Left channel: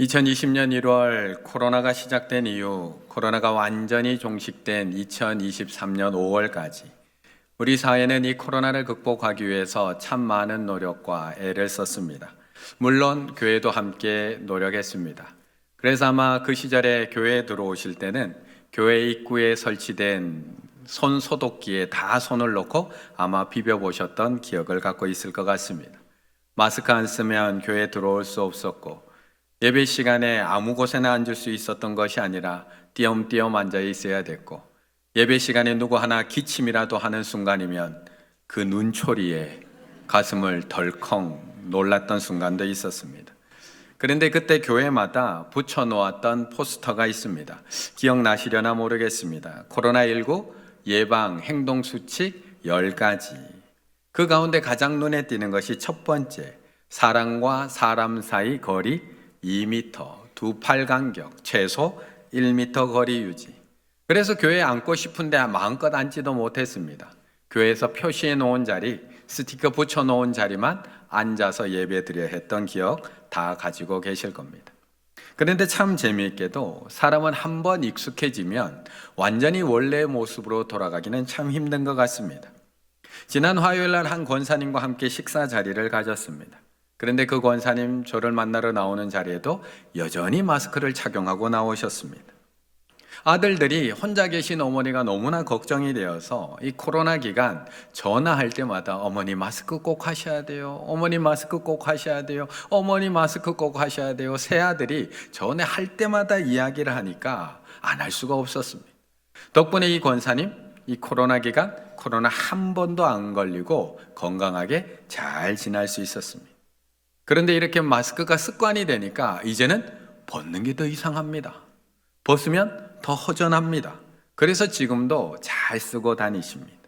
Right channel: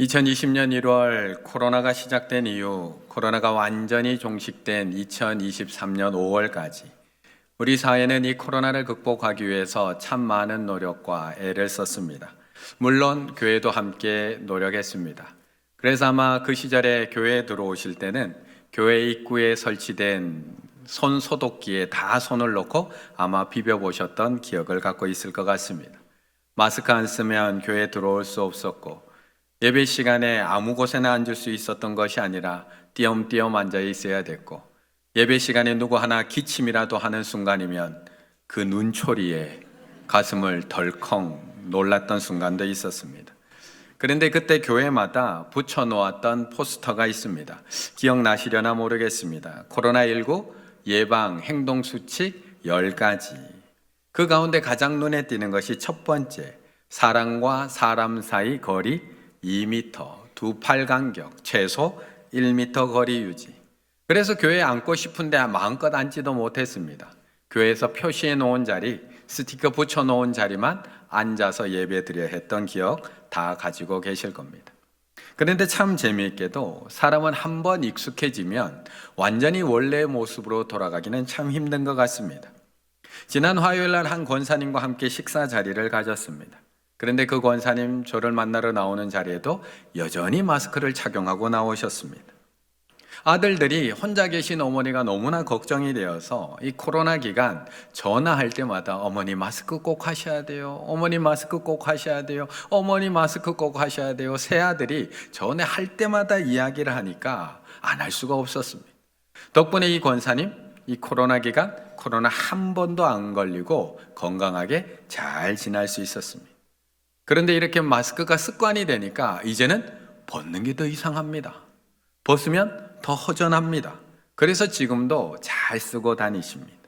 2020년 1월 코로나가 시작된 이후 코로나가 완전히 종식된 2023년 5월까지 우리 사회는 이 코로나를 극복하기 위해서 참 많은 노력과 애를 썼습니다. 물론 교회도 함께 노력했습니다. 그래서 아마 그 시절에 교회에 들어오실 때는 교회 입구에 설치된 손 소독기에 다 손을 넣고 아마 비벼보셨던 기억을 갖고 있을 것 같습니다. 마스크 안 쓰면 교회에 들어올 수 없었고 예배 시간에 아무 곳에나 앉을 수 있었던 것이 아니라 띄엄띄엄 앉아 있어야 됐고 예배 시간에 누구 하나 기침이라도 하는 순간이면 그 눈초리에 가슴을 덜컹 놀랐던 순간도 있었습니다. 그런데 그때 교회마다 붙여놓았던 포스터가 있습니다. 기억나시려나 모르겠습니다. 코로나19 예방 행동수칙 10가지. 그 가운데 가장 눈에 띄는 것이 첫 번째, 사람과 사람 사이 거리 2m, 두 팔 간격, 최소 1m 거리 유지. 그래서 교회에 앉고 싶은데 마음껏 앉지도 못했습니다. 교회에서 표시해 놓은 자리, 스티커 붙여 놓은 자리만 앉아서 예배 드려 했던 기억 다 가지고 계실 겁니다. 그런데 참 재미있게도 사람은 한번 익숙해지면 완전히 원래의 모습으로 돌아가기는 참 힘든 것 같습니다. 지난 화요일 날 한 권사님과 함께 식사 자리를 가졌습니다. 그런데 그 권사님 저를 만나러 나오는 자리에도 여전히 마스크를 착용하고 나오셨습니다. 아들들이 혼자 계신 어머니가 너무나 걱정이 되어서 이 코로나 기간 전화할 때마다 어머니 마스크 꼭 하셔야 돼요. 어머니 마스크 꼭 하셔야 돼요. 어머니 마스크 꼭 하셔야 돼요. 새 아들이 전화할 때마다 이야기를 하니까 안 할 수가 없었습니다. 덕분에 이 권사님 이 코로나 기간 코로나 한 번도 안 걸리고 건강하게 잘 지날 수 있었습니다. 그런데 이렇게 마스크가 습관이 되니까 이제는 벗는 게 더 이상합니다. 벗으면 더 허전합니다. 그래서 지금도 잘 쓰고 다니십니다.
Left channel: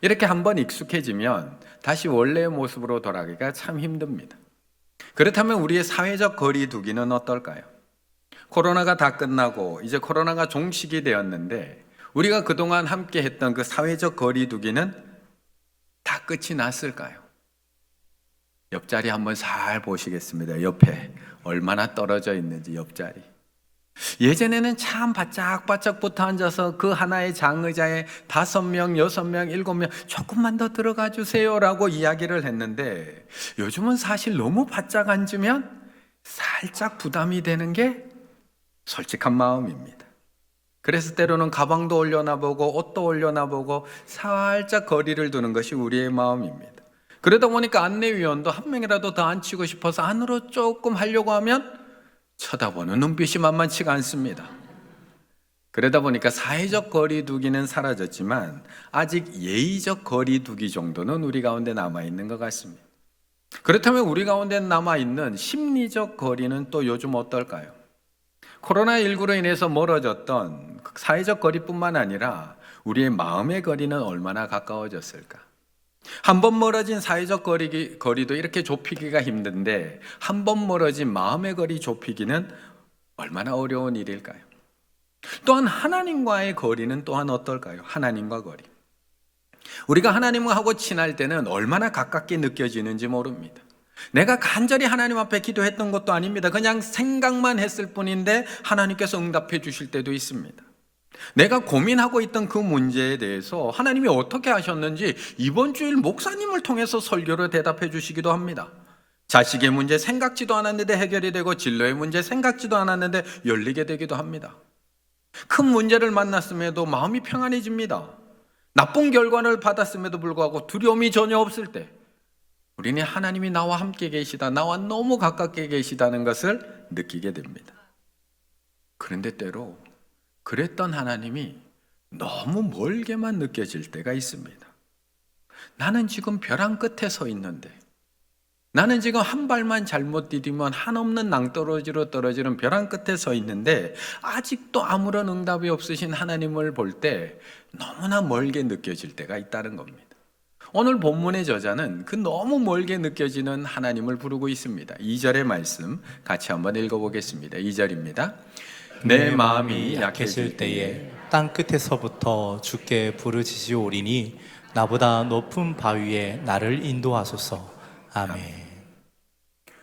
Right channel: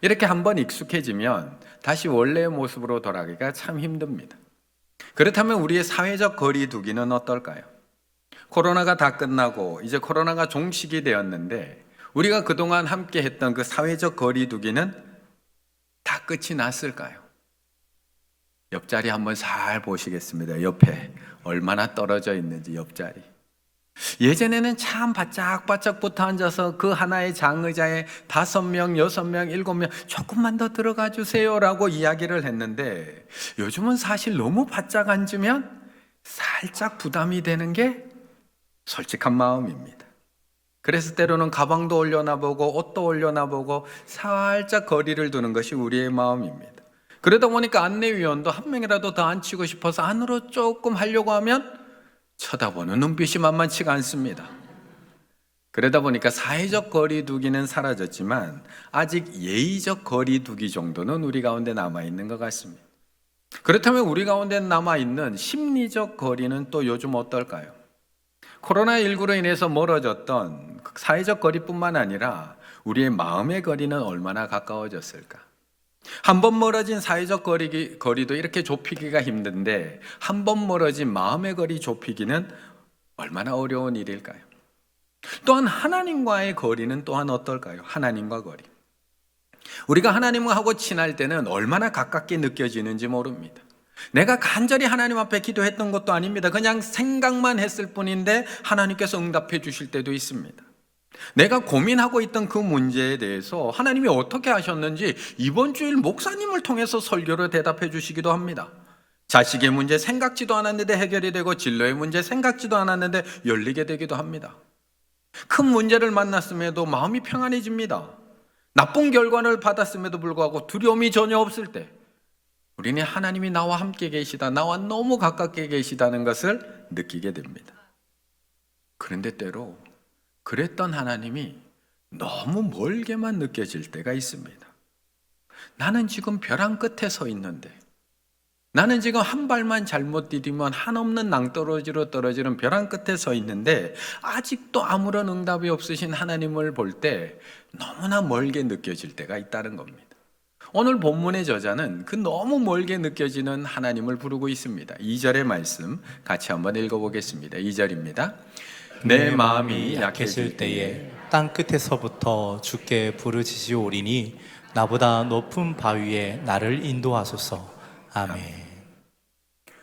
이렇게 한번 익숙해지면 다시 원래의 모습으로 돌아가기가 참 힘듭니다. 그렇다면 우리의 사회적 거리 두기는 어떨까요? 코로나가 다 끝나고 이제 코로나가 종식이 되었는데 우리가 그동안 함께 했던 그 사회적 거리 두기는 다 끝이 났을까요? 옆자리 한번 잘 보시겠습니다. 옆에 얼마나 떨어져 있는지 옆자리. 예전에는 참 바짝바짝 붙어 앉아서 그 하나의 장의자에 5명, 6명, 7명 조금만 더 들어가 주세요라고 이야기를 했는데 요즘은 사실 너무 바짝 앉으면 살짝 부담이 되는 게 솔직한 마음입니다. 그래서 때로는 가방도 올려놔보고 옷도 올려놔보고 살짝 거리를 두는 것이 우리의 마음입니다. 그러다 보니까 안내위원도 한 명이라도 더 앉히고 싶어서 안으로 조금 하려고 하면 쳐다보는 눈빛이 만만치가 않습니다. 그러다 보니까 사회적 거리 두기는 사라졌지만 아직 예의적 거리 두기 정도는 우리 가운데 남아있는 것 같습니다. 그렇다면 우리 가운데 남아있는 심리적 거리는 또 요즘 어떨까요? 코로나19로 인해서 멀어졌던 사회적 거리뿐만 아니라 우리의 마음의 거리는 얼마나 가까워졌을까? 한 번 멀어진 사회적 거리도 이렇게 좁히기가 힘든데 한 번 멀어진 마음의 거리 좁히기는 얼마나 어려운 일일까요? 또한 하나님과의 거리는 또한 어떨까요? 하나님과 거리. 우리가 하나님하고 친할 때는 얼마나 가깝게 느껴지는지 모릅니다. 내가 간절히 하나님 앞에 기도했던 것도 아닙니다. 그냥 생각만 했을 뿐인데 하나님께서 응답해 주실 때도 있습니다. 내가 고민하고 있던 그 문제에 대해서 하나님이 어떻게 하셨는지 이번 주일 목사님을 통해서 설교로 대답해 주시기도 합니다. 자식의 문제 생각지도 않았는데 해결이 되고 진로의 문제 생각지도 않았는데 열리게 되기도 합니다. 큰 문제를 만났음에도 마음이 평안해집니다. 나쁜 결과를 받았음에도 불구하고 두려움이 전혀 없을 때 우리는 하나님이 나와 함께 계시다, 나와 너무 가깝게 계시다는 것을 느끼게 됩니다. 그런데 때로 그랬던 하나님이 너무 멀게만 느껴질 때가 있습니다. 나는 지금 벼랑 끝에 서 있는데, 나는 지금 한 발만 잘못 디디면 한없는 낭떠러지로 떨어지는 벼랑 끝에 서 있는데 아직도 아무런 응답이 없으신 하나님을 볼 때 너무나 멀게 느껴질 때가 있다는 겁니다. 오늘 본문의 저자는 그 너무 멀게 느껴지는 하나님을 부르고 있습니다. 2절의 말씀 같이 한번 읽어보겠습니다. 2절입니다. 내 마음이 약해질 때에 땅 끝에서부터 주께 부르짖으오리니 나보다 높은 바위에 나를 인도하소서. 아멘.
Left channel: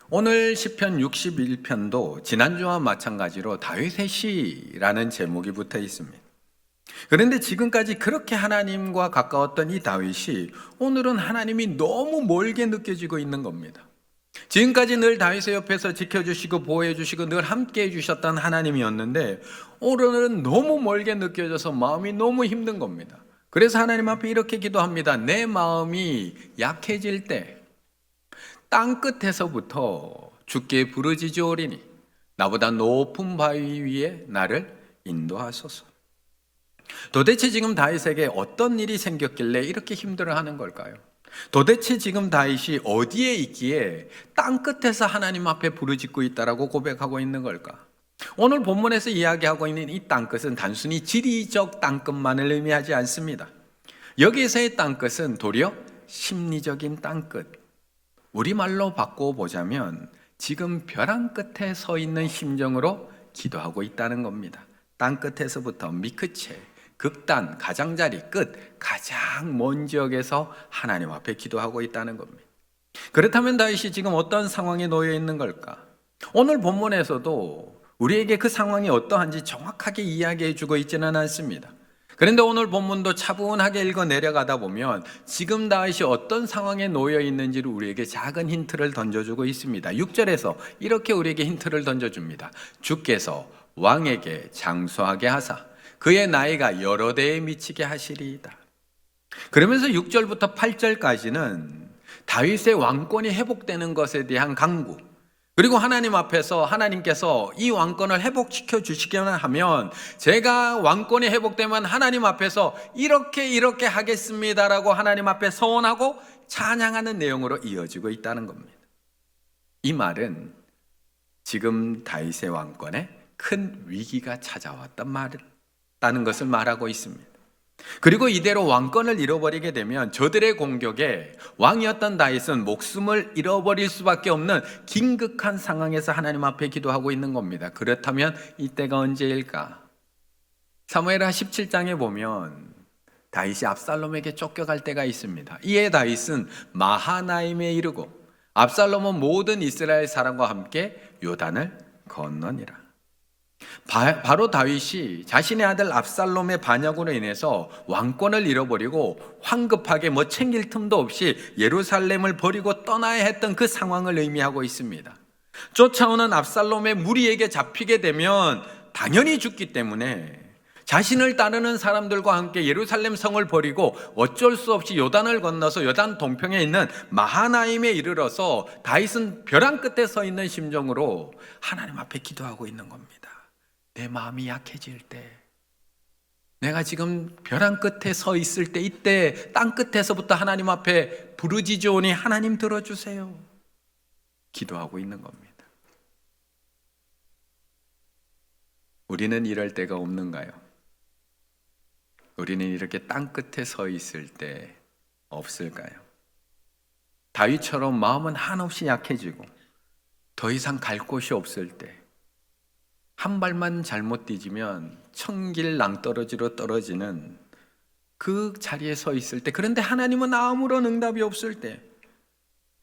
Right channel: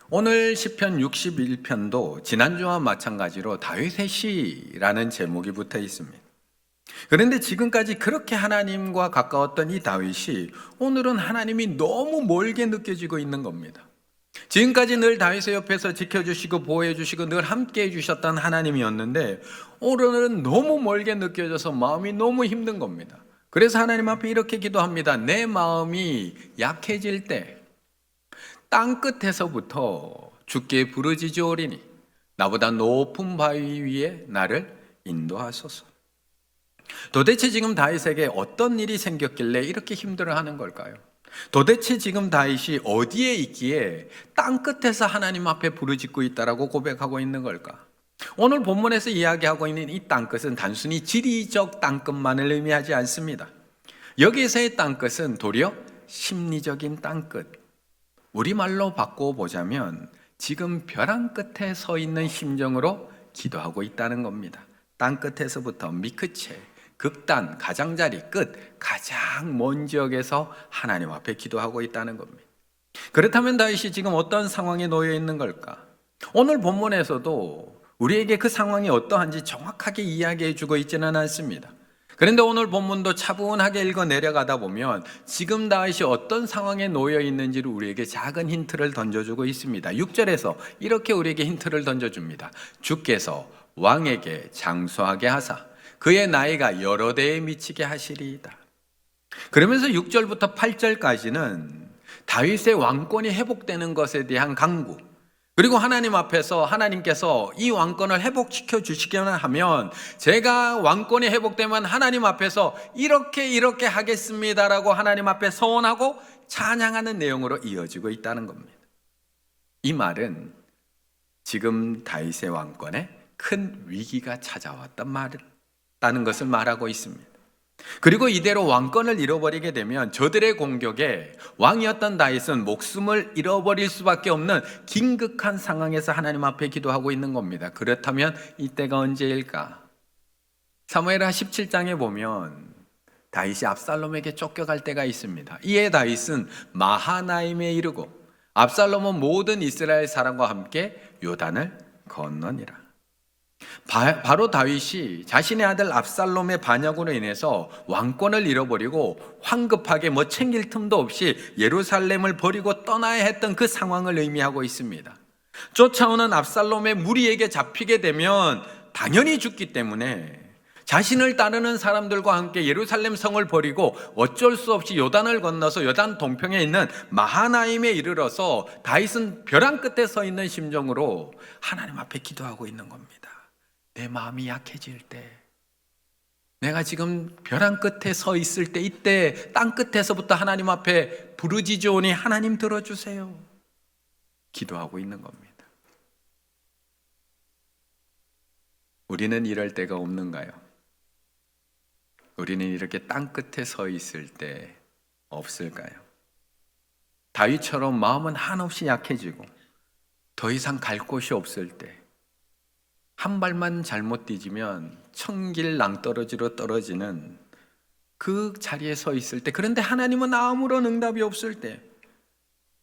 오늘 시편 61편도 지난주와 마찬가지로 다윗의 시라는 제목이 붙어 있습니다. 그런데 지금까지 그렇게 하나님과 가까웠던 이 다윗이 오늘은 하나님이 너무 멀게 느껴지고 있는 겁니다. 지금까지 늘 다윗의 옆에서 지켜주시고 보호해주시고 늘 함께해 주셨던 하나님이었는데 오늘은 너무 멀게 느껴져서 마음이 너무 힘든 겁니다. 그래서 하나님 앞에 이렇게 기도합니다. 내 마음이 약해질 때 땅끝에서부터 주께 부르짖으오리니 나보다 높은 바위 위에 나를 인도하소서. 도대체 지금 다윗에게 어떤 일이 생겼길래 이렇게 힘들어하는 걸까요? 도대체 지금 다윗이 어디에 있기에 땅끝에서 하나님 앞에 부르짖고 있다라고 고백하고 있는 걸까? 오늘 본문에서 이야기하고 있는 이 땅끝은 단순히 지리적 땅끝만을 의미하지 않습니다. 여기서의 땅끝은 도리어 심리적인 땅끝, 우리말로 바꿔보자면 지금 벼랑 끝에 서 있는 심정으로 기도하고 있다는 겁니다. 땅끝에서부터 미끝에 극단, 가장자리 끝, 가장 먼 지역에서 하나님 앞에 기도하고 있다는 겁니다. 그렇다면 다윗이 지금 어떤 상황에 놓여 있는 걸까? 오늘 본문에서도 우리에게 그 상황이 어떠한지 정확하게 이야기해 주고 있지는 않습니다. 그런데 오늘 본문도 차분하게 읽어 내려가다 보면 지금 다윗이 어떤 상황에 놓여 있는지를 우리에게 작은 힌트를 던져주고 있습니다. 6절에서 이렇게 우리에게 힌트를 던져줍니다. 주께서 왕에게 장수하게 하사 그의 나이가 여러 대에 미치게 하시리이다. 그러면서 6절부터 8절까지는 다윗의 왕권이 회복되는 것에 대한 강구, 그리고 하나님 앞에서 하나님께서 이 왕권을 회복시켜 주시기만 하면 제가 왕권이 회복되면 하나님 앞에서 이렇게 하겠습니다라고 하나님 앞에 서원하고 찬양하는 내용으로 이어지고 있다는 겁니다. 이 말은 지금 다윗의 왕권에 큰 위기가 찾아왔다는 것을 말하고 있습니다. 그리고 이대로 왕권을 잃어버리게 되면 저들의 공격에 왕이었던 다윗은 목숨을 잃어버릴 수밖에 없는 긴급한 상황에서 하나님 앞에 기도하고 있는 겁니다. 그렇다면 이때가 언제일까? 사무엘하 17장에 보면 다윗이 압살롬에게 쫓겨갈 때가 있습니다. 이에 다윗은 마하나임에 이르고 압살롬은 모든 이스라엘 사람과 함께 요단을 건너니라. 바로 다윗이 자신의 아들 압살롬의 반역으로 인해서 왕권을 잃어버리고 황급하게 챙길 틈도 없이 예루살렘을 버리고 떠나야 했던 그 상황을 의미하고 있습니다. 쫓아오는 압살롬의 무리에게 잡히게 되면 당연히 죽기 때문에 자신을 따르는 사람들과 함께 예루살렘 성을 버리고 어쩔 수 없이 요단을 건너서 요단 동평에 있는 마하나임에 이르러서 다윗은 벼랑 끝에 서 있는 심정으로 하나님 앞에 기도하고 있는 겁니다. 내 마음이 약해질 때, 내가 지금 벼랑 끝에 서 있을 때, 이때 땅 끝에서부터 하나님 앞에 부르짖으오니 하나님 들어주세요. 기도하고 있는 겁니다. 우리는 이럴 때가 없는가요? 우리는 이렇게 땅 끝에 서 있을 때 없을까요? 다윗처럼 마음은 한없이 약해지고 더 이상 갈 곳이 없을 때, 한 발만 잘못 뒤지면 천길 낭떠러지로 떨어지는 그 자리에 서 있을 때, 그런데 하나님은 아무런 응답이 없을 때,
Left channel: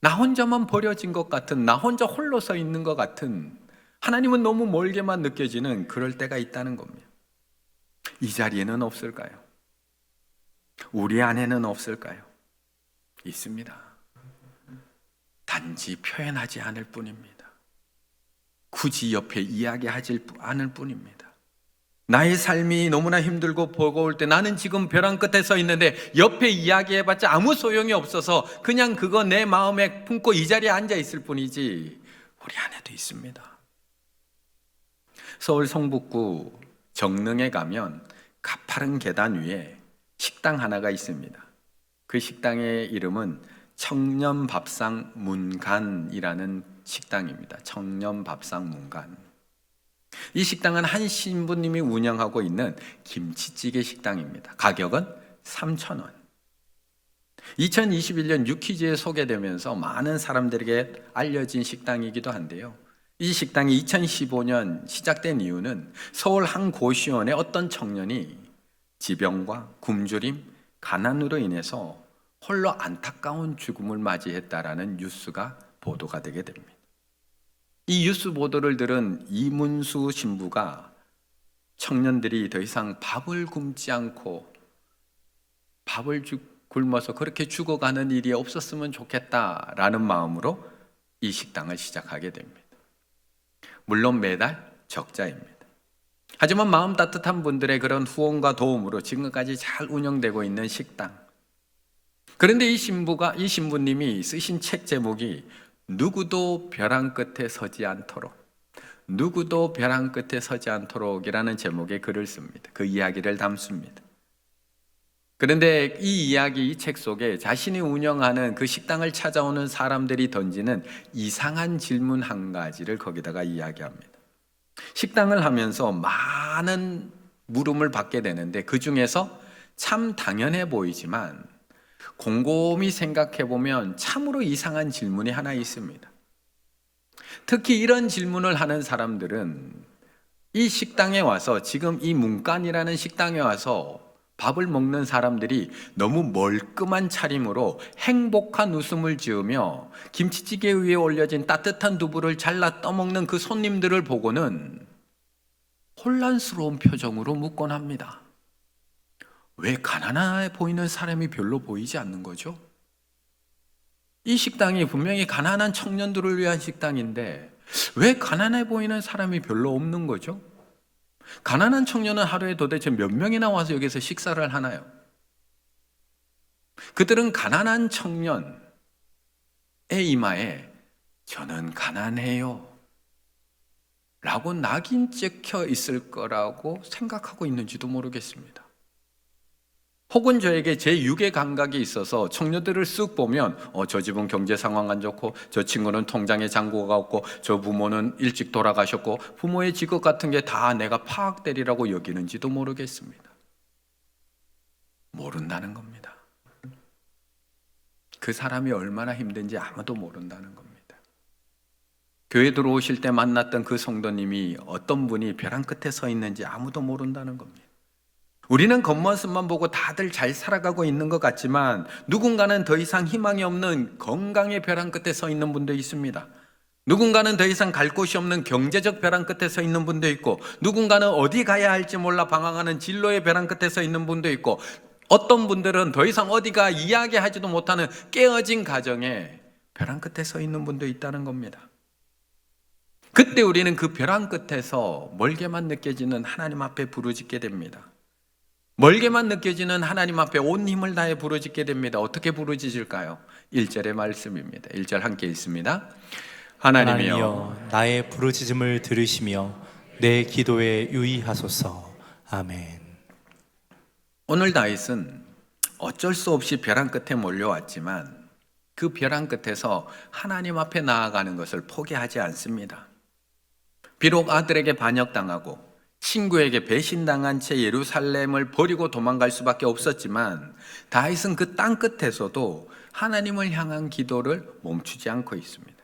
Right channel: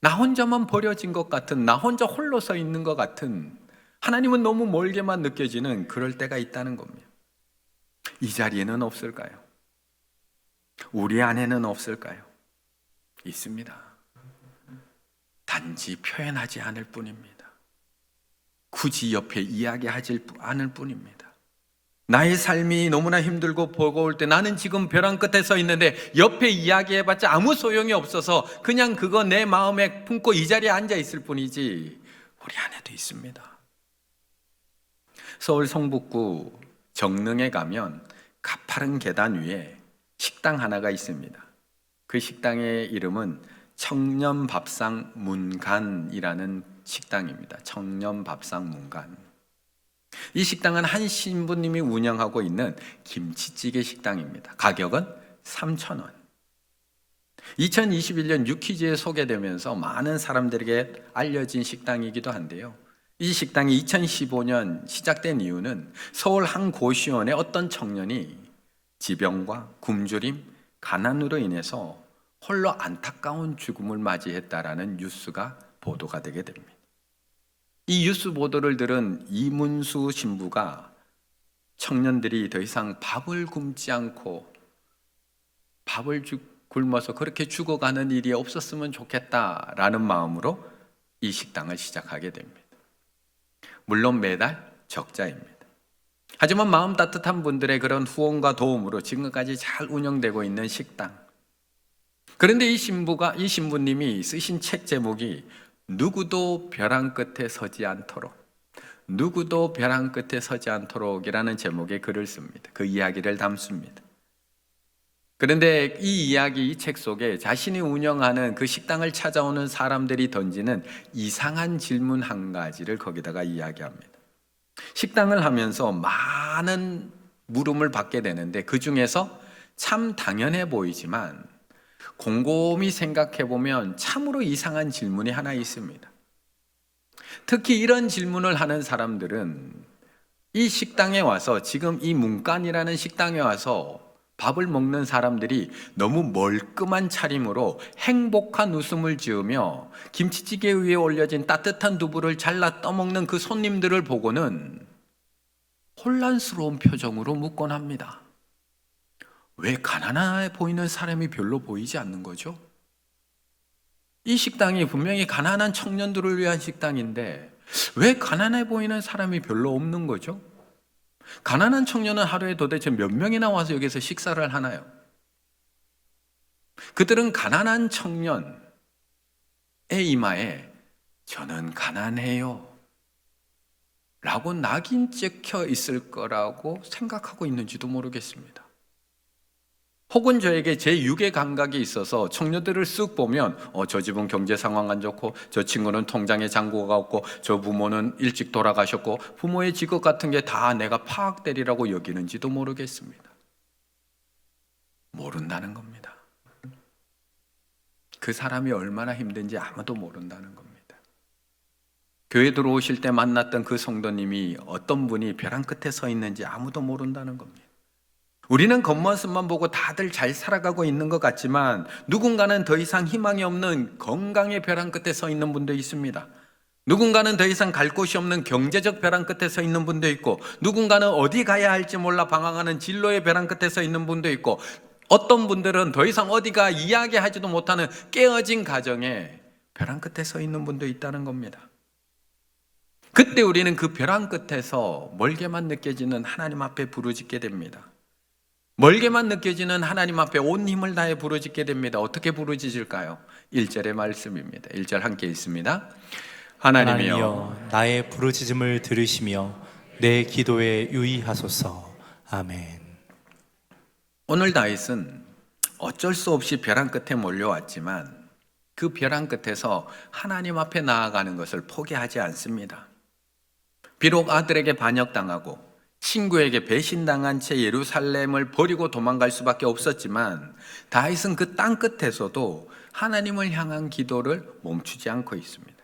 나 혼자만 버려진 것 같은, 나 혼자 홀로 서 있는 것 같은, 하나님은 너무 멀게만 느껴지는 그럴 때가 있다는 겁니다. 이 자리에는 없을까요? 우리 안에는 없을까요? 있습니다. 단지 표현하지 않을 뿐입니다. 굳이 옆에 이야기하지 않을 뿐입니다. 나의 삶이 너무나 힘들고 버거울 때 나는 지금 벼랑 끝에 서 있는데 옆에 이야기해봤자 아무 소용이 없어서 그냥 그거 내 마음에 품고 이 자리에 앉아 있을 뿐이지 우리 안에도 있습니다. 서울 성북구 정릉에 가면 가파른 계단 위에 식당 하나가 있습니다. 그 식당의 이름은 청년밥상 문간이라는 식당입니다. 청년밥상 문간. 이 식당은 한 신부님이 운영하고 있는 김치찌개 식당입니다. 가격은 3,000원. 2021년 뉴퀴즈에 소개되면서 많은 사람들에게 알려진 식당이기도 한데요. 이 식당이 2015년 시작된 이유는 서울 한 고시원의 어떤 청년이 지병과 굶주림, 가난으로 인해서 홀로 안타까운 죽음을 맞이했다라는 뉴스가 보도가 되게 됩니다. 이 뉴스 보도를 들은 이문수 신부가 청년들이 더 이상 밥을 굶지 않고 굶어서 그렇게 죽어가는 일이 없었으면 좋겠다라는 마음으로 이 식당을 시작하게 됩니다. 물론 매달 적자입니다. 하지만 마음 따뜻한 분들의 그런 후원과 도움으로 지금까지 잘 운영되고 있는 식당. 그런데 이 신부님이 쓰신 책 제목이 누구도 벼랑 끝에 서지 않도록, 누구도 벼랑 끝에 서지 않도록이라는 제목의 글을 씁니다. 그 이야기를 담습니다. 그런데 이 이야기, 이 책 속에 자신이 운영하는 그 식당을 찾아오는 사람들이 던지는 이상한 질문 한 가지를 거기다가 이야기합니다. 식당을 하면서 많은 물음을 받게 되는데 그 중에서 참 당연해 보이지만 곰곰이 생각해 보면 참으로 이상한 질문이 하나 있습니다. 특히 이런 질문을 하는 사람들은 이 식당에 와서, 지금 이 문간이라는 식당에 와서 밥을 먹는 사람들이 너무 멀끔한 차림으로 행복한 웃음을 지으며 김치찌개 위에 올려진 따뜻한 두부를 잘라 떠먹는 그 손님들을 보고는 혼란스러운 표정으로 묻곤 합니다. 왜 가난해 보이는 사람이 별로 보이지 않는 거죠? 이 식당이 분명히 가난한 청년들을 위한 식당인데 왜 가난해 보이는 사람이 별로 없는 거죠? 가난한 청년은 하루에 도대체 몇 명이나 와서 여기서 식사를 하나요? 그들은 가난한 청년의 이마에 저는 가난해요 라고 낙인 찍혀 있을 거라고 생각하고 있는지도 모르겠습니다. 혹은 저에게 제6의 감각이 있어서 청년들을 쓱 보면 저 집은 경제 상황 안 좋고 저 친구는 통장에 잔고가 없고 저 부모는 일찍 돌아가셨고 부모의 직업 같은 게 다 내가 파악되리라고 여기는지도 모르겠습니다. 모른다는 겁니다. 그 사람이 얼마나 힘든지 아무도 모른다는 겁니다. 교회 들어오실 때 만났던 그 성도님이 어떤 분이 벼랑 끝에 서 있는지 아무도 모른다는 겁니다. 우리는 겉모습만 보고 다들 잘 살아가고 있는 것 같지만 누군가는 더 이상 희망이 없는 건강의 벼랑 끝에 서 있는 분도 있습니다. 누군가는 더 이상 갈 곳이 없는 경제적 벼랑 끝에 서 있는 분도 있고, 누군가는 어디 가야 할지 몰라 방황하는 진로의 벼랑 끝에 서 있는 분도 있고, 어떤 분들은 더 이상 어디가 이야기하지도 못하는 깨어진 가정에 벼랑 끝에 서 있는 분도 있다는 겁니다. 그때 우리는 그 벼랑 끝에서 멀게만 느껴지는 하나님 앞에 부르짖게 됩니다. 멀게만 느껴지는 하나님 앞에 온 힘을 다해 부르짖게 됩니다. 어떻게 부르짖을까요? 1절의 말씀입니다. 1절 함께 읽습니다. 하나님이여 나의 부르짖음을 들으시며 내 기도에 유의하소서. 아멘. 오늘 다윗은 어쩔 수 없이 벼랑 끝에 몰려왔지만 그 벼랑 끝에서 하나님 앞에 나아가는 것을 포기하지 않습니다. 비록 아들에게 반역당하고 친구에게 배신당한 채 예루살렘을 버리고 도망갈 수밖에 없었지만 다윗은 그 땅 끝에서도 하나님을 향한 기도를 멈추지 않고 있습니다.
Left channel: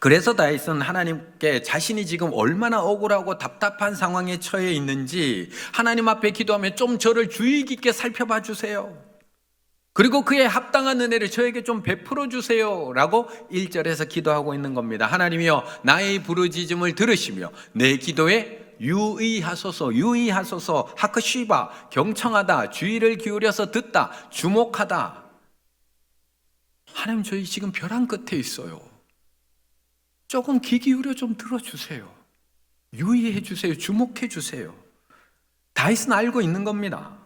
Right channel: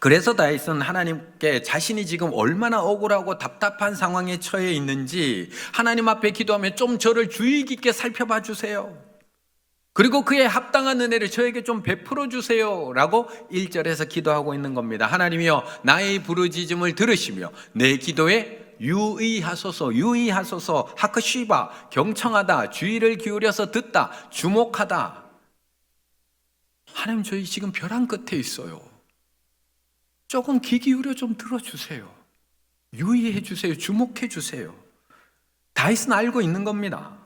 그래서 다윗은 하나님께 자신이 지금 얼마나 억울하고 답답한 상황에 처해 있는지 하나님 앞에 기도하며 좀 저를 주의 깊게 살펴봐 주세요. 그리고 그에 합당한 은혜를 저에게 좀 베풀어 주세요 라고 1절에서 기도하고 있는 겁니다. 하나님이여 나의 부르짖음을 들으시며 내 기도에 유의하소서. 유의하소서. 하크쉬바, 경청하다, 주의를 기울여서 듣다, 주목하다. 하나님, 저희 지금 벼랑 끝에 있어요. 조금 귀 기울여 좀 들어주세요. 유의해 주세요. 주목해 주세요. 다윗은 알고 있는 겁니다.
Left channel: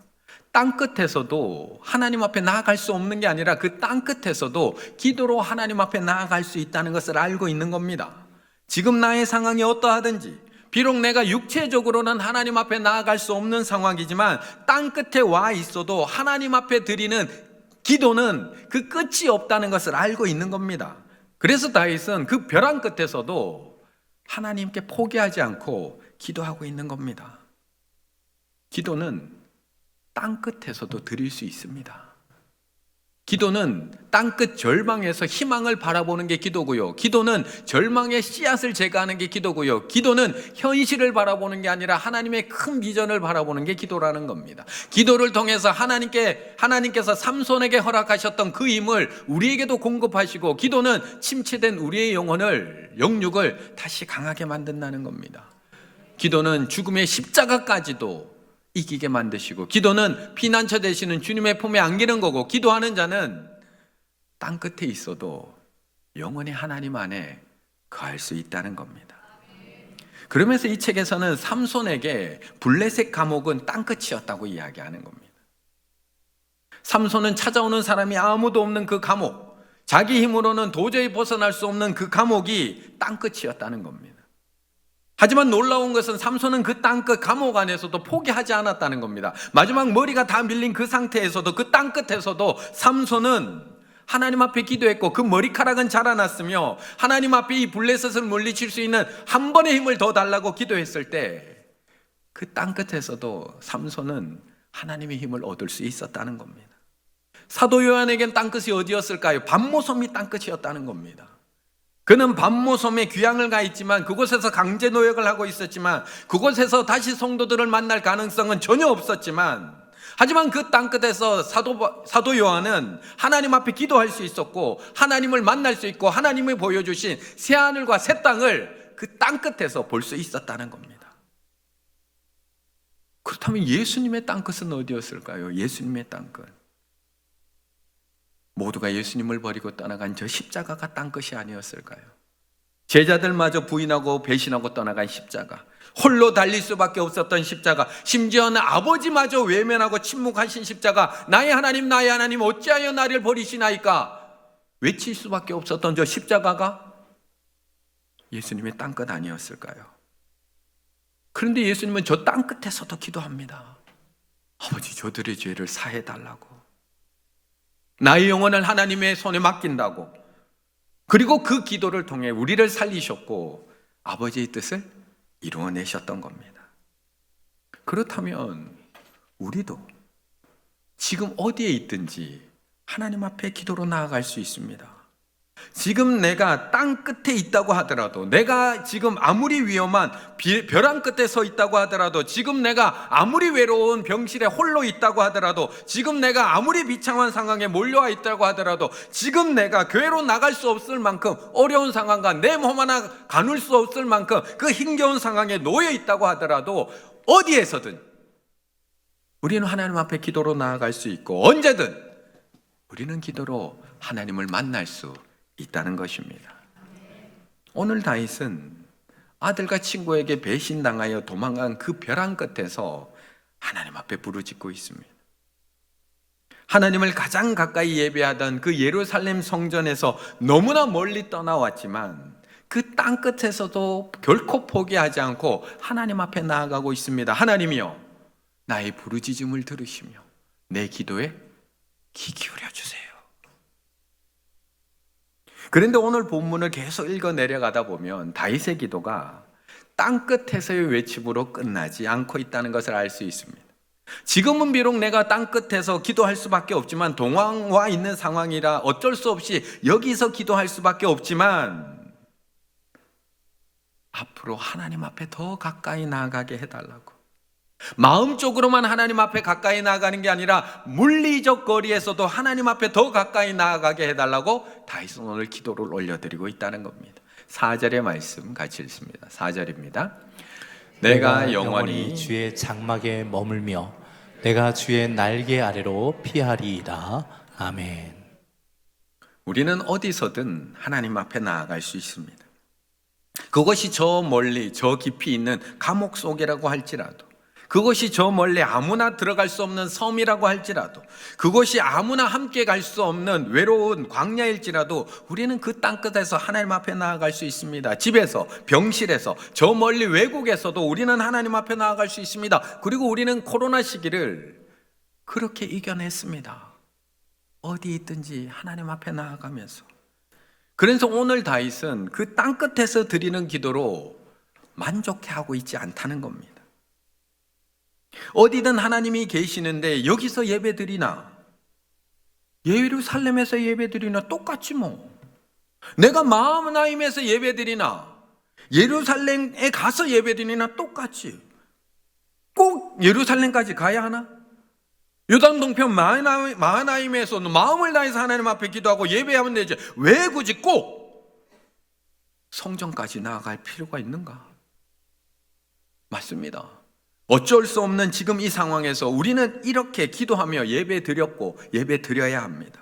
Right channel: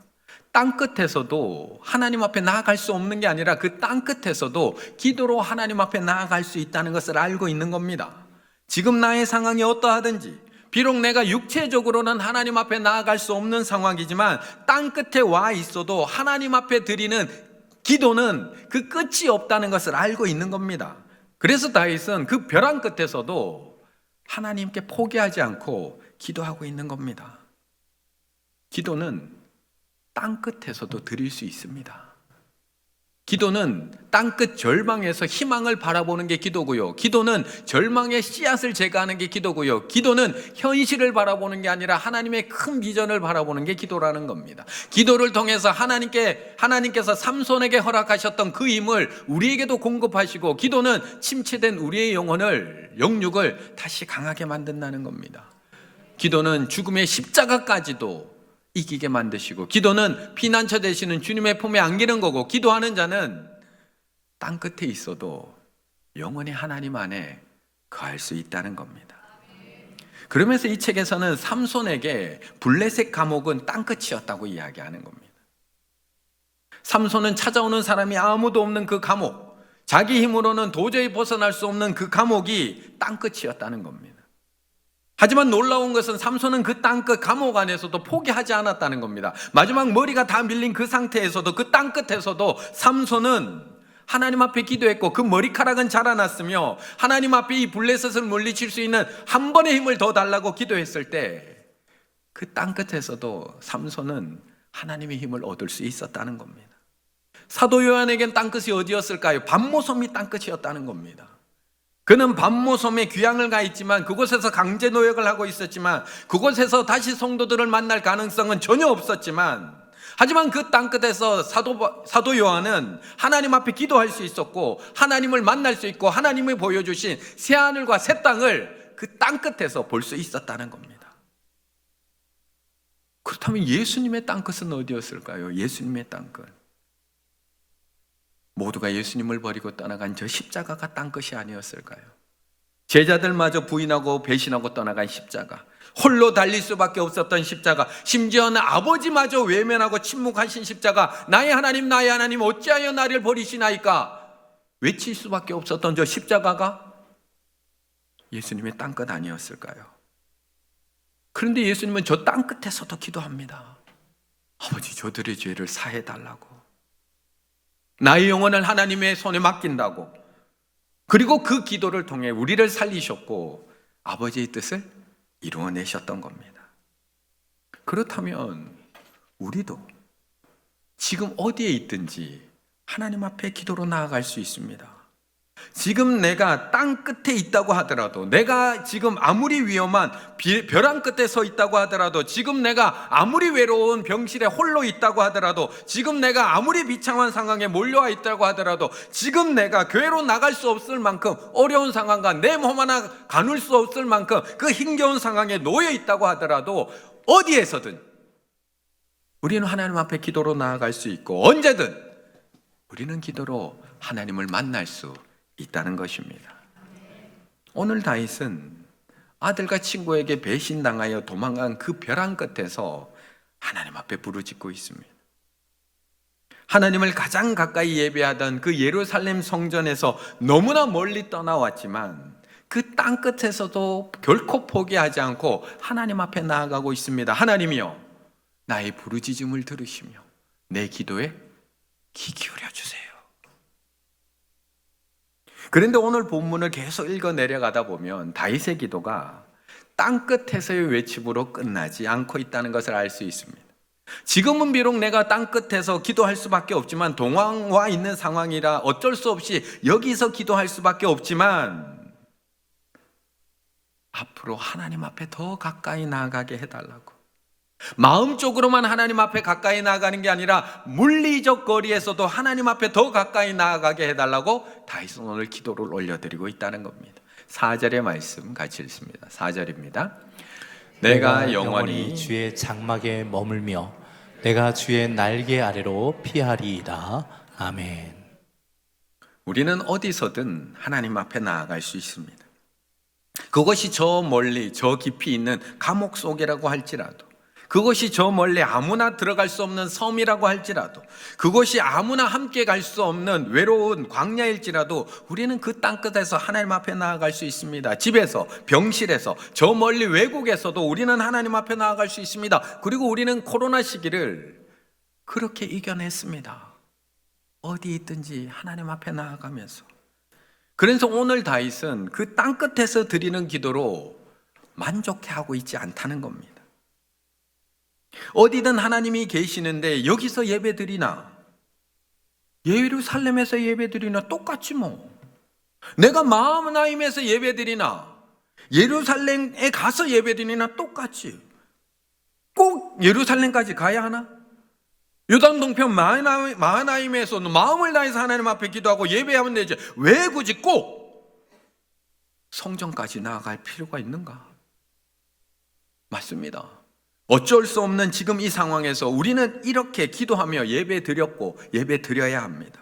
땅 끝에서도 하나님 앞에 나아갈 수 없는 게 아니라 그 땅 끝에서도 기도로 하나님 앞에 나아갈 수 있다는 것을 알고 있는 겁니다. 지금 나의 상황이 어떠하든지, 비록 내가 육체적으로는 하나님 앞에 나아갈 수 없는 상황이지만 땅 끝에 와 있어도 하나님 앞에 드리는 기도는 그 끝이 없다는 것을 알고 있는 겁니다. 그래서 다윗은 그 벼랑 끝에서도 하나님께 포기하지 않고 기도하고 있는 겁니다. 기도는 땅 끝에서도 드릴 수 있습니다. 기도는 땅끝 절망에서 희망을 바라보는 게 기도고요. 기도는 절망의 씨앗을 제거하는 게 기도고요. 기도는 현실을 바라보는 게 아니라 하나님의 큰 비전을 바라보는 게 기도라는 겁니다. 기도를 통해서 하나님께서 삼손에게 허락하셨던 그 힘을 우리에게도 공급하시고, 기도는 침체된 우리의 영육을 다시 강하게 만든다는 겁니다. 기도는 죽음의 십자가까지도 이기게 만드시고, 기도는 피난처 되시는 주님의 품에 안기는 거고, 기도하는 자는 땅끝에 있어도 영원히 하나님 안에 거할 수 있다는 겁니다. 그러면서 이 책에서는 삼손에게 블레셋 감옥은 땅끝이었다고 이야기하는 겁니다. 삼손은 찾아오는 사람이 아무도 없는 그 감옥, 자기 힘으로는 도저히 벗어날 수 없는 그 감옥이 땅끝이었다는 겁니다. 하지만 놀라운 것은 삼손은 그 땅끝 감옥 안에서도 포기하지 않았다는 겁니다. 마지막 머리가 다 밀린 그 상태에서도, 그 땅끝에서도 삼손은 하나님 앞에 기도했고, 그 머리카락은 자라났으며 하나님 앞에 이 블레셋을 물리칠 수 있는 한 번의 힘을 더 달라고 기도했을 때, 그 땅끝에서도 삼손은 하나님의 힘을 얻을 수 있었다는 겁니다. 사도 요한에겐 땅끝이 어디였을까요? 반모섬이 땅끝이었다는 겁니다. 그는 반모섬에 귀향을 가 있지만, 그곳에서 강제 노역을 하고 있었지만, 그곳에서 다시 성도들을 만날 가능성은 전혀 없었지만, 하지만 그 땅끝에서 사도 요한은 하나님 앞에 기도할 수 있었고, 하나님을 만날 수 있고, 하나님이 보여주신 새하늘과 새 땅을 그 땅끝에서 볼 수 있었다는 겁니다. 그렇다면 예수님의 땅끝은 어디였을까요? 예수님의 땅끝, 모두가 예수님을 버리고 떠나간 저 십자가가 땅끝이 아니었을까요? 제자들마저 부인하고 배신하고 떠나간 십자가, 홀로 달릴 수밖에 없었던 십자가, 심지어는 아버지마저 외면하고 침묵하신 십자가, 나의 하나님 어찌하여 나를 버리시나이까 외칠 수밖에 없었던 저 십자가가 예수님의 땅끝 아니었을까요? 그런데 예수님은 저 땅끝에서도 기도합니다. 아버지, 저들의 죄를 사해달라고, 나의 영혼을 하나님의 손에 맡긴다고. 그리고 그 기도를 통해 우리를 살리셨고 아버지의 뜻을 이루어내셨던 겁니다. 그렇다면 우리도 지금 어디에 있든지 하나님 앞에 기도로 나아갈 수 있습니다. 지금 내가 땅 끝에 있다고 하더라도, 내가 지금 아무리 위험한 벼랑 끝에 서 있다고 하더라도, 지금 내가 아무리 외로운 병실에 홀로 있다고 하더라도, 지금 내가 아무리 비참한 상황에 몰려와 있다고 하더라도, 지금 내가 교회로 나갈 수 없을 만큼 어려운 상황과 내 몸 하나 가눌 수 없을 만큼 그 힘겨운 상황에 놓여 있다고 하더라도, 어디에서든 우리는 하나님 앞에 기도로 나아갈 수 있고, 언제든 우리는 기도로 하나님을 만날 수 있다는 것입니다. 오늘 다윗은 아들과 친구에게 배신당하여 도망간 그 벼랑 끝에서 하나님 앞에 부르짖고 있습니다. 하나님을 가장 가까이 예배하던 그 예루살렘 성전에서 너무나 멀리 떠나왔지만, 그 땅 끝에서도 결코 포기하지 않고 하나님 앞에 나아가고 있습니다. 하나님이여, 나의 부르짖음을 들으시며 내 기도에 귀 기울여 주세요. 그런데 오늘 본문을 계속 읽어 내려가다 보면 다윗의 기도가 땅끝에서의 외침으로 끝나지 않고 있다는 것을 알 수 있습니다. 지금은 비록 내가 땅끝에서 기도할 수밖에 없지만, 동황와 있는 상황이라 어쩔 수 없이 여기서 기도할 수밖에 없지만, 앞으로 하나님 앞에 더 가까이 나아가게 해달라고, 마음적으로만 하나님 앞에 가까이 나아가는 게 아니라 물리적 거리에서도 하나님 앞에 더 가까이 나아가게 해달라고 다윗은 오늘 기도를 올려드리고 있다는 겁니다. 4절의 말씀 같이 읽습니다. 4절입니다. 내가 영원히 주의 장막에 머물며 내가 주의 날개 아래로 피하리이다. 아멘. 우리는 어디서든 하나님 앞에 나아갈 수 있습니다. 그것이 저 멀리 저 깊이 있는 감옥 속이라고 할지라도, 그것이 저 멀리 아무나 들어갈 수 없는 섬이라고 할지라도, 그것이 아무나 함께 갈 수 없는 외로운 광야일지라도, 우리는 그 땅끝에서 하나님 앞에 나아갈 수 있습니다. 집에서, 병실에서, 저 멀리 외국에서도 우리는 하나님 앞에 나아갈 수 있습니다. 그리고 우리는 코로나 시기를 그렇게 이겨냈습니다. 어디 있든지 하나님 앞에 나아가면서. 그래서 오늘 다윗은 그 땅끝에서 드리는 기도로 만족해하고 있지 않다는 겁니다. 어디든 하나님이 계시는데 여기서 예배드리나, 예루살렘에서 예배드리나 똑같지 뭐. 내가 마하나임에서 예배드리나 예루살렘에 가서 예배드리나 똑같지. 꼭 예루살렘까지 가야 하나? 요단 동편 마하나임에서는 마음을 다해서 하나님 앞에 기도하고 예배하면 되지. 왜 굳이 꼭 성전까지 나아갈 필요가 있는가? 맞습니다. 어쩔 수 없는 지금 이 상황에서 우리는 이렇게 기도하며 예배 드렸고 예배 드려야 합니다.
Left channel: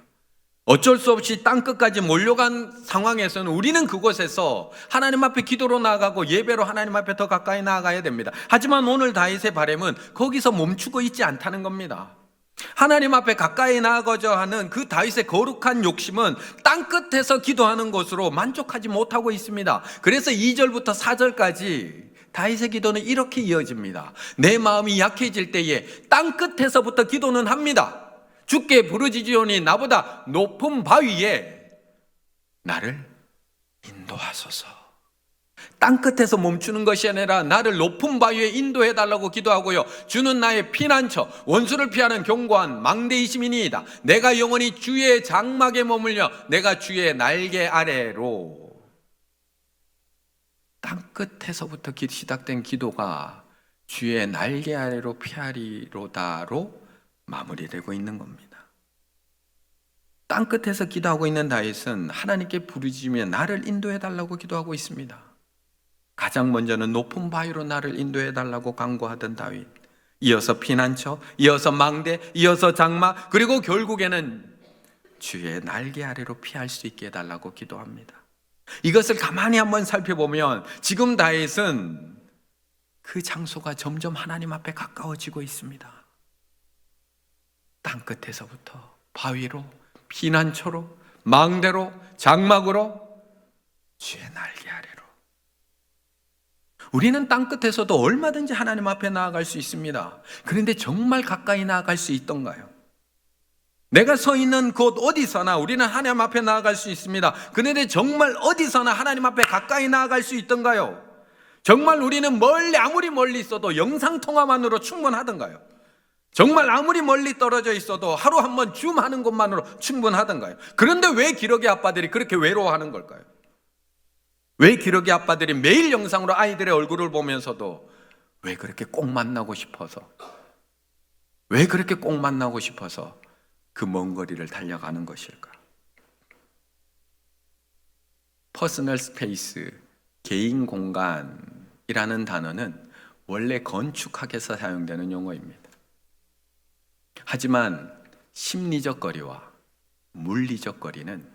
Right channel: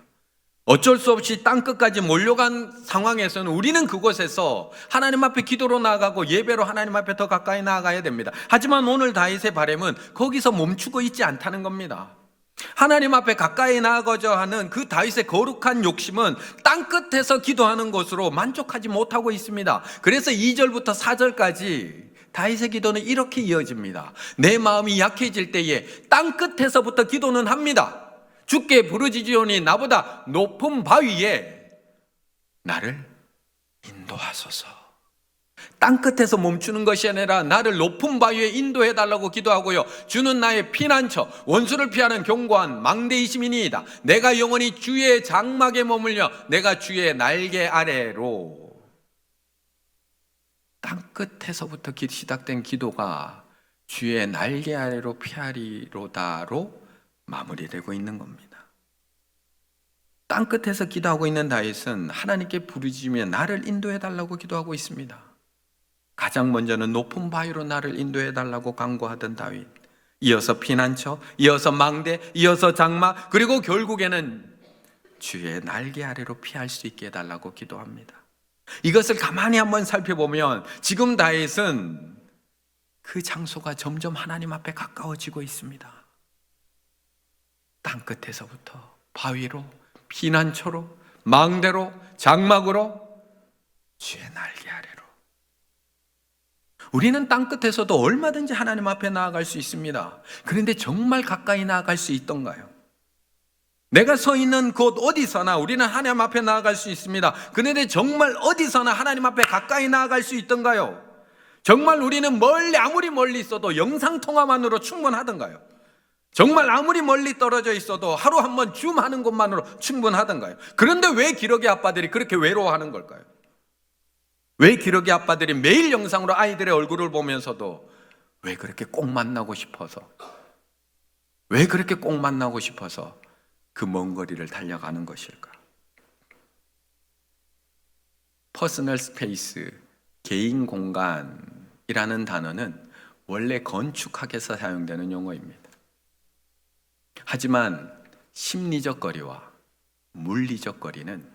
어쩔 수 없이 땅끝까지 몰려간 상황에서는 우리는 그곳에서 하나님 앞에 기도로 나아가고 예배로 하나님 앞에 더 가까이 나아가야 됩니다. 하지만 오늘 다윗의 바람은 거기서 멈추고 있지 않다는 겁니다. 하나님 앞에 가까이 나아가자 하는 그 다윗의 거룩한 욕심은 땅끝에서 기도하는 것으로 만족하지 못하고 있습니다. 그래서 2절부터 4절까지 다윗의 기도는 이렇게 이어집니다. 내 마음이 약해질 때에 땅끝에서부터 기도는 합니다. 주께 부르짖으오니 나보다 높은 바위에 나를 인도하소서. 땅끝에서 멈추는 것이 아니라 나를 높은 바위에 인도해달라고 기도하고요. 주는 나의 피난처, 원수를 피하는 견고한 망대이심이니이다. 내가 영원히 주의 장막에 머물며 내가 주의 날개 아래로. 땅끝에서부터 시작된 기도가 주의 날개 아래로 피하리로다로 마무리되고 있는 겁니다. 땅끝에서 기도하고 있는 다윗은 하나님께 부르짖으며 나를 인도해달라고 기도하고 있습니다. 가장 먼저는 높은 바위로 나를 인도해달라고 간구하던 다윗, 이어서 피난처, 이어서 망대, 이어서 장막, 그리고 결국에는 주의 날개 아래로 피할 수 있게 해달라고 기도합니다. 이것을 가만히 한번 살펴보면 지금 다윗은 그 장소가 점점 하나님 앞에 가까워지고 있습니다. 땅끝에서부터 바위로, 피난처로, 망대로, 장막으로, 주의 날개 아래로. 우리는 땅끝에서도 얼마든지 하나님 앞에 나아갈 수 있습니다. 그런데 정말 가까이 나아갈 수 있던가요? 내가 서 있는 곳 어디서나 우리는 하나님 앞에 나아갈 수 있습니다. 그런데 정말 어디서나 하나님 앞에 가까이 나아갈 수 있던가요? 정말 우리는 아무리 멀리 있어도 영상통화만으로 충분하던가요? 정말 아무리 멀리 떨어져 있어도 하루 한번 줌하는 것만으로 충분하던가요? 그런데 왜 기러기 아빠들이 그렇게 외로워하는 걸까요? 왜 기러기 아빠들이 매일 영상으로 아이들의 얼굴을 보면서도 왜 그렇게 꼭 만나고 싶어서 그 먼 거리를 달려가는 것일까? 퍼스널 스페이스, 개인 공간이라는 단어는 원래 건축학에서 사용되는 용어입니다. 하지만 심리적 거리와 물리적 거리는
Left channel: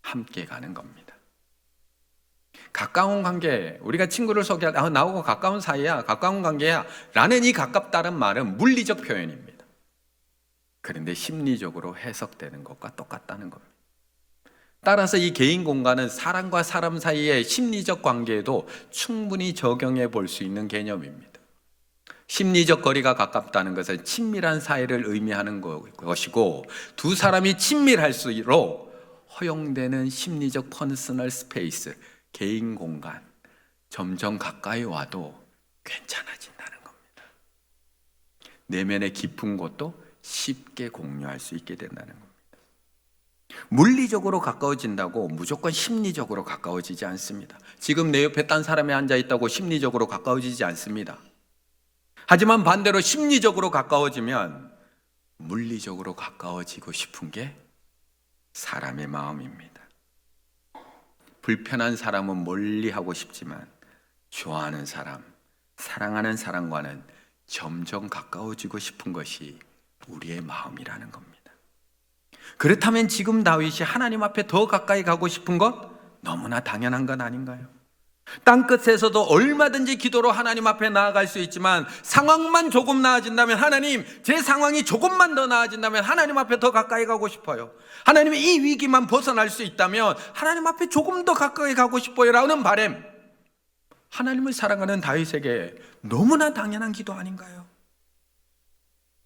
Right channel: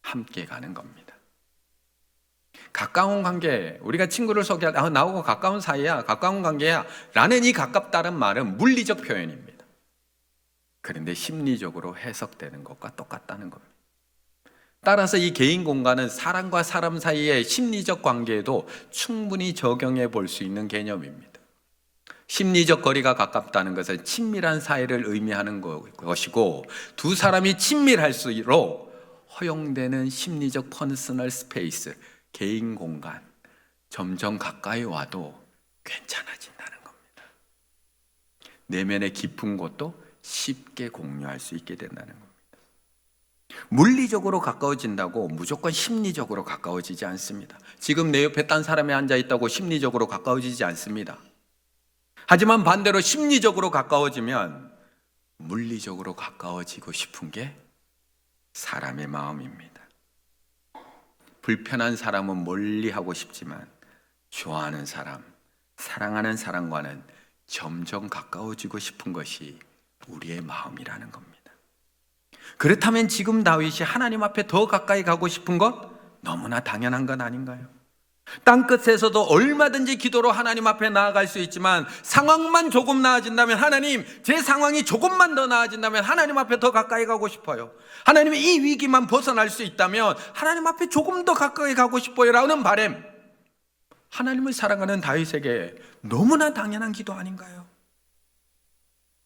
함께 가는 겁니다. 가까운 관계, 우리가 친구를 소개할 때 나하고 가까운 사이야, 가까운 관계야 라는 이 가깝다는 말은 물리적 표현입니다. 그런데 심리적으로 해석되는 것과 똑같다는 겁니다. 따라서 이 개인 공간은 사람과 사람 사이의 심리적 관계에도 충분히 적용해 볼 수 있는 개념입니다. 심리적 거리가 가깝다는 것은 친밀한 사이를 의미하는 것이고, 두 사람이 친밀할수록 허용되는 심리적 퍼스널 스페이스, 개인 공간, 점점 가까이 와도 괜찮아진다는 겁니다. 내면의 깊은 것도 쉽게 공유할 수 있게 된다는 겁니다. 물리적으로 가까워진다고 무조건 심리적으로 가까워지지 않습니다. 지금 내 옆에 딴 사람이 앉아 있다고 심리적으로 가까워지지 않습니다. 하지만 반대로 심리적으로 가까워지면 물리적으로 가까워지고 싶은 게 사람의 마음입니다. 불편한 사람은 멀리하고 싶지만 좋아하는 사람, 사랑하는 사람과는 점점 가까워지고 싶은 것이 우리의 마음이라는 겁니다. 그렇다면 지금 다윗이 하나님 앞에 더 가까이 가고 싶은 것 너무나 당연한 건 아닌가요? 땅끝에서도 얼마든지 기도로 하나님 앞에 나아갈 수 있지만 상황만 조금 나아진다면, 하나님 제 상황이 조금만 더 나아진다면 하나님 앞에 더 가까이 가고 싶어요. 하나님의 이 위기만 벗어날 수 있다면 하나님 앞에 조금 더 가까이 가고 싶어요 라는 바람, 하나님을 사랑하는 다윗에게 너무나 당연한 기도 아닌가요?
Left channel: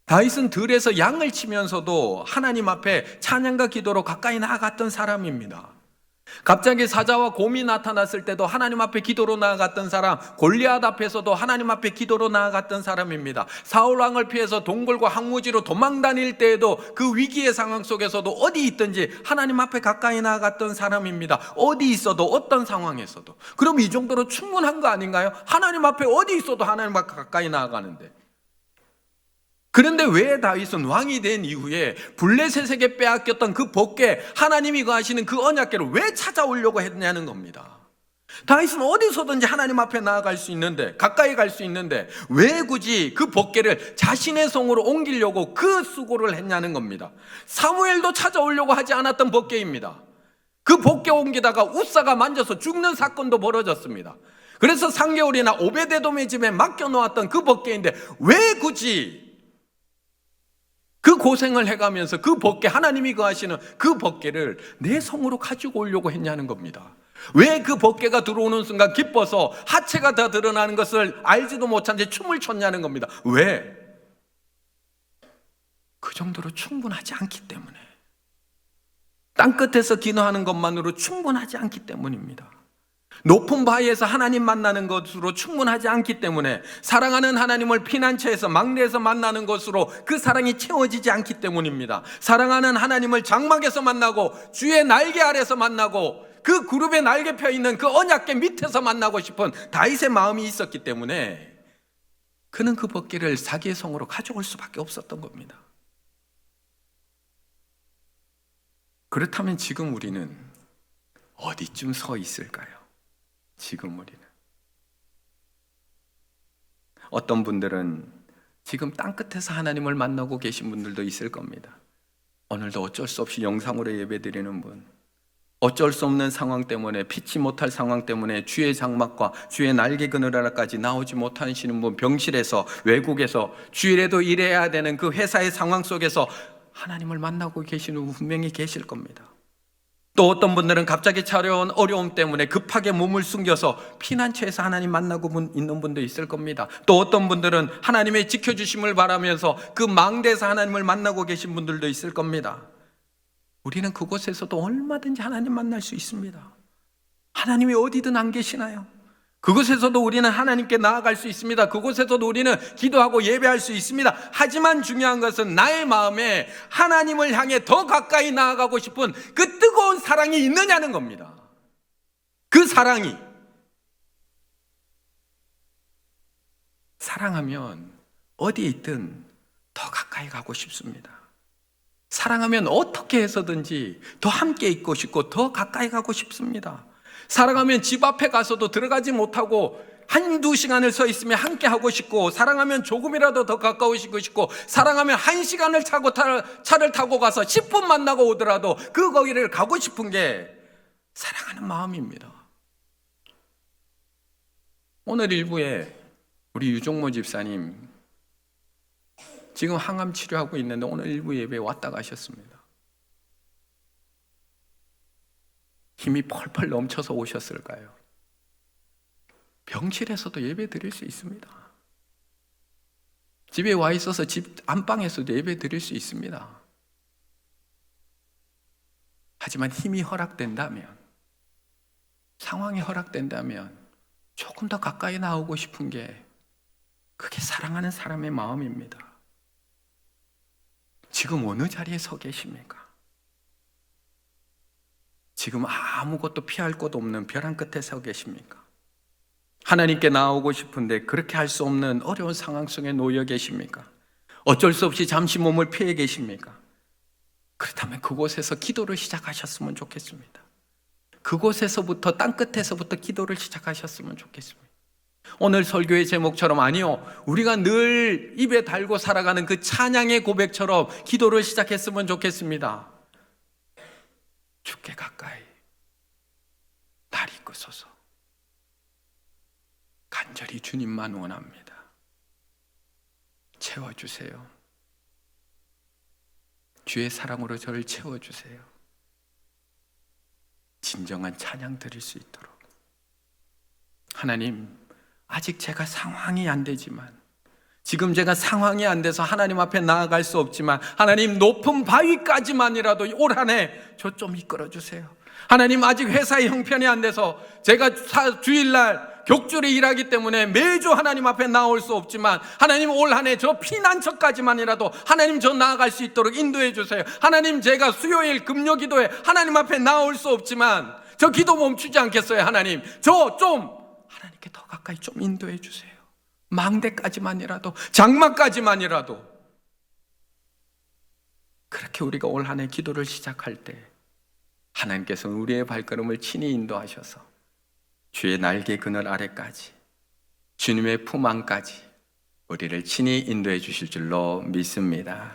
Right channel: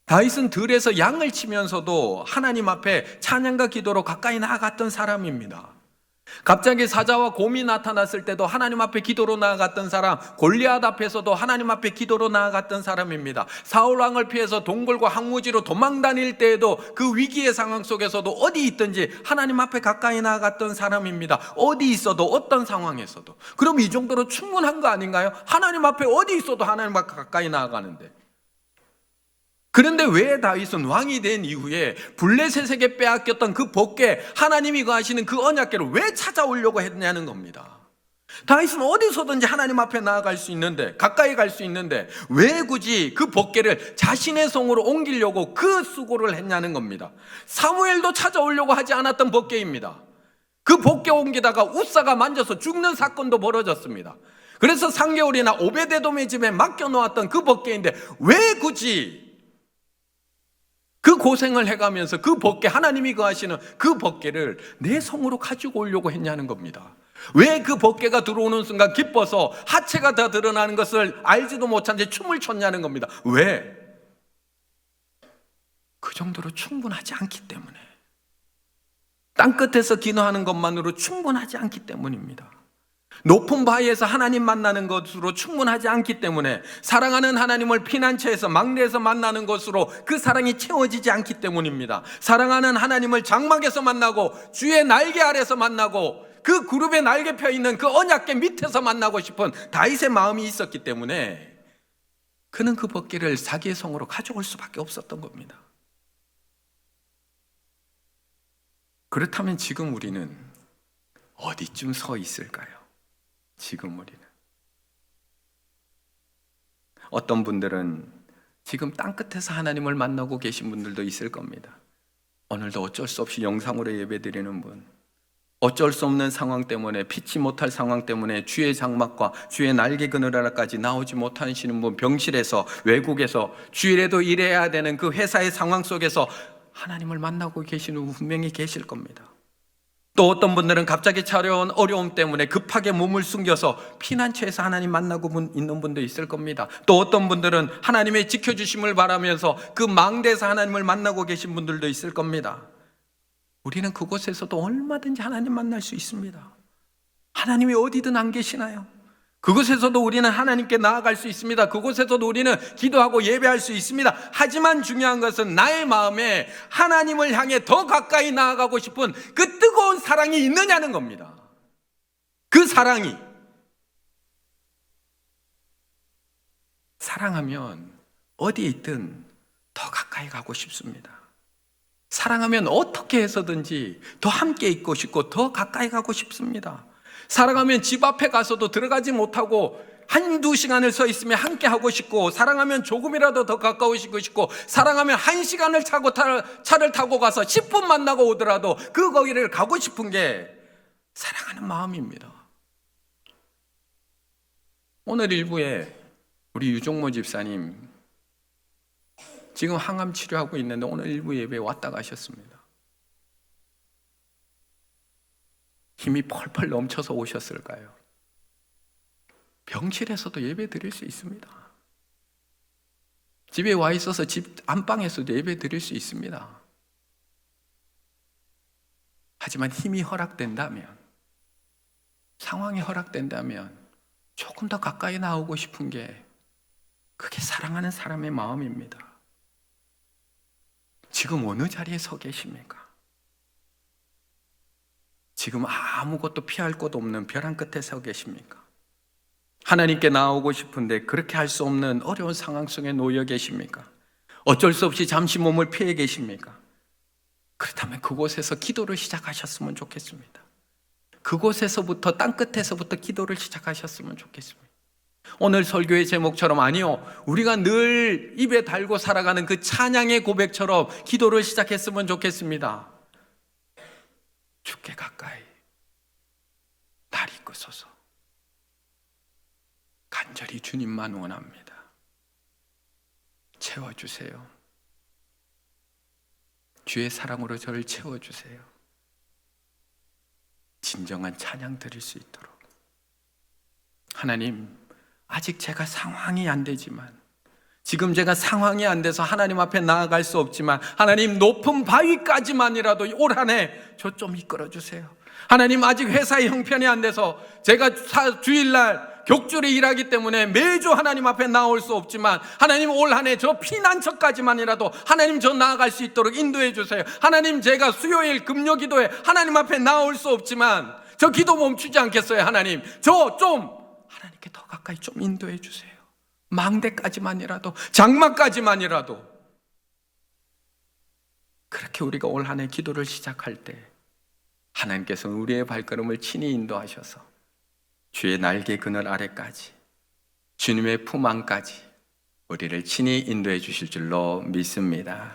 다윗은 들에서 양을 치면서도 하나님 앞에 찬양과 기도로 가까이 나아갔던 사람입니다. 갑자기 사자와 곰이 나타났을 때도 하나님 앞에 기도로 나아갔던 사람, 골리앗 앞에서도 하나님 앞에 기도로 나아갔던 사람입니다. 사울 왕을 피해서 동굴과 항무지로 도망 다닐 때에도 그 위기의 상황 속에서도 어디 있든지 하나님 앞에 가까이 나아갔던 사람입니다. 어디 있어도 어떤 상황에서도. 그럼 이 정도로 충분한 거 아닌가요? 하나님 앞에 어디 있어도 하나님 앞에 가까이 나아가는데. 그런데 왜 다윗은 왕이 된 이후에 블레셋에게 빼앗겼던 그 복계, 하나님이 거하시는 그 언약궤를 왜 찾아오려고 했냐는 겁니다. 다윗은 어디서든지 하나님 앞에 나아갈 수 있는데, 가까이 갈 수 있는데 왜 굳이 그 복계를 자신의 성으로 옮기려고 그 수고를 했냐는 겁니다. 사무엘도 찾아오려고 하지 않았던 복계입니다. 그 복계 옮기다가 우사가 만져서 죽는 사건도 벌어졌습니다. 그래서 3개월이나 오베데돔의 집에 맡겨놓았던 그 복계인데 왜 굳이 그 고생을 해가면서 그 복계, 하나님이 거하시는 그 복계를 내 성으로 가지고 오려고 했냐는 겁니다. 왜 그 복계가 들어오는 순간 기뻐서 하체가 다 드러나는 것을 알지도 못한 채 춤을 췄냐는 겁니다. 왜? 그 정도로 충분하지 않기 때문에. 땅끝에서 기도하는 것만으로 충분하지 않기 때문입니다. 높은 바위에서 하나님 만나는 것으로 충분하지 않기 때문에, 사랑하는 하나님을 피난처에서 막내에서 만나는 것으로 그 사랑이 채워지지 않기 때문입니다. 사랑하는 하나님을 장막에서 만나고 주의 날개 아래서 만나고 그 그룹에 날개 펴 있는 그 언약궤 밑에서 만나고 싶은 다윗의 마음이 있었기 때문에 그는 그 복궤를 자기의 성으로 가져올 수밖에 없었던 겁니다. 그렇다면 지금 우리는 어디쯤 서 있을까요? 지금 우리는 어떤 분들은 지금 땅끝에서 하나님을 만나고 계신 분들도 있을 겁니다. 오늘도 어쩔 수 없이 영상으로 예배드리는 분, 어쩔 수 없는 상황 때문에, 피치 못할 상황 때문에 주의 장막과 주의 날개 그늘하라까지 나오지 못하시는 분, 병실에서, 외국에서, 주일에도 일해야 되는 그 회사의 상황 속에서 하나님을 만나고 계시는 분 분명히 계실 겁니다. 또 어떤 분들은 갑자기 찾아온 어려움 때문에 급하게 몸을 숨겨서 피난처에서 하나님 만나고 있는 분도 있을 겁니다. 또 어떤 분들은 하나님의 지켜주심을 바라면서 그 망대에서 하나님을 만나고 계신 분들도 있을 겁니다. 우리는 그곳에서도 얼마든지 하나님 만날 수 있습니다. 하나님이 어디든 안 계시나요? 그곳에서도 우리는 하나님께 나아갈 수 있습니다. 그곳에서도 우리는 기도하고 예배할 수 있습니다. 하지만 중요한 것은 나의 마음에 하나님을 향해 더 가까이 나아가고 싶은 그 뜨거운 사랑이 있느냐는 겁니다. 그 사랑이. 사랑하면 어디에 있든 더 가까이 가고 싶습니다. 사랑하면 어떻게 해서든지 더 함께 있고 싶고 더 가까이 가고 싶습니다. 사랑하면 집 앞에 가서도 들어가지 못하고 한두 시간을 서 있으면 함께 하고 싶고, 사랑하면 조금이라도 더 가까워지고 싶고, 사랑하면 1시간을 차를 타고 가서 10분 만나고 오더라도 그 거기를 가고 싶은 게 사랑하는 마음입니다. 오늘 일부에 우리 유종모 집사님 지금 항암 치료하고 있는데 오늘 일부 예배에 왔다 가셨습니다. 힘이 펄펄 넘쳐서 오셨을까요? 병실에서도 예배 드릴 수 있습니다. 집에 와 있어서 집 안방에서도 예배 드릴 수 있습니다. 하지만 힘이 허락된다면, 상황이 허락된다면 조금 더 가까이 나오고 싶은 게 그게 사랑하는 사람의 마음입니다. 지금 어느 자리에 서 계십니까? 지금 아무것도 피할 곳 없는 벼랑 끝에 서 계십니까? 하나님께 나오고 싶은데 그렇게 할 수 없는 어려운 상황 속에 놓여 계십니까? 어쩔 수 없이 잠시 몸을 피해 계십니까? 그렇다면 그곳에서 기도를 시작하셨으면 좋겠습니다. 그곳에서부터, 땅끝에서부터 기도를 시작하셨으면 좋겠습니다. 오늘 설교의 제목처럼, 아니요, 우리가 늘 입에 달고 살아가는 그 찬양의 고백처럼 기도를 시작했으면 좋겠습니다. 주께 가까이 날 이끄소서. 간절히 주님만 원합니다. 채워주세요. 주의 사랑으로 저를 채워주세요. 진정한 찬양 드릴 수 있도록. 하나님, 아직 제가 상황이 안 되지만, 지금 제가 상황이 안 돼서 하나님 앞에 나아갈 수 없지만, 하나님 높은 바위까지만이라도 올 한 해 저 좀 이끌어 주세요. 하나님, 아직 회사의 형편이 안 돼서 제가 주일날 격주로 일하기 때문에 매주 하나님 앞에 나올 수 없지만, 하나님 올 한 해 저 피난처까지만이라도 하나님 저 나아갈 수 있도록 인도해 주세요. 하나님, 제가 수요일 금요 기도에 하나님 앞에 나올 수 없지만 저 기도 멈추지 않겠어요. 하나님, 저 좀 하나님께 더 가까이 좀 인도해 주세요. 망대까지만이라도, 장막까지만이라도. 그렇게 우리가 올 한 해 기도를 시작할 때 하나님께서는 우리의 발걸음을 친히 인도하셔서 주의 날개 그늘 아래까지, 주님의 품 안까지 우리를 친히 인도해 주실 줄로 믿습니다.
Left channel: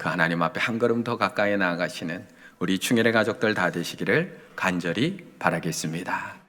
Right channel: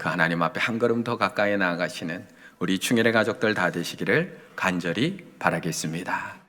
그 하나님 앞에 한 걸음 더 가까이 나아가시는 우리 충일의 가족들 다 되시기를 간절히 바라겠습니다.